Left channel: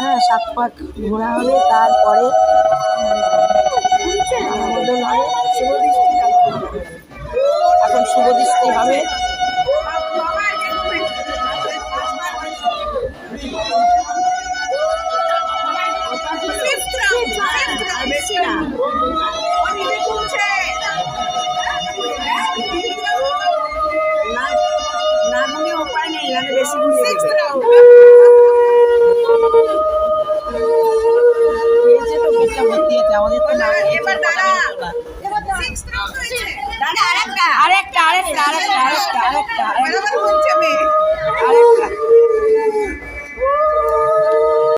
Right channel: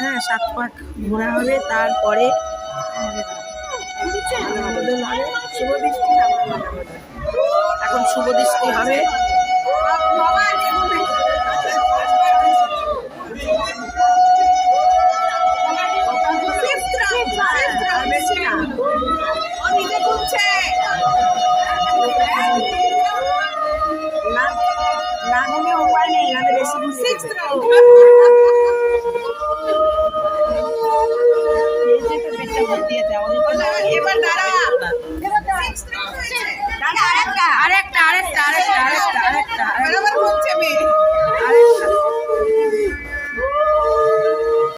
হ্যাঁ 7 পাক ঘোরা হবে, তারপরে এখন শুভ দৃষ্টি হবে। আরেকটা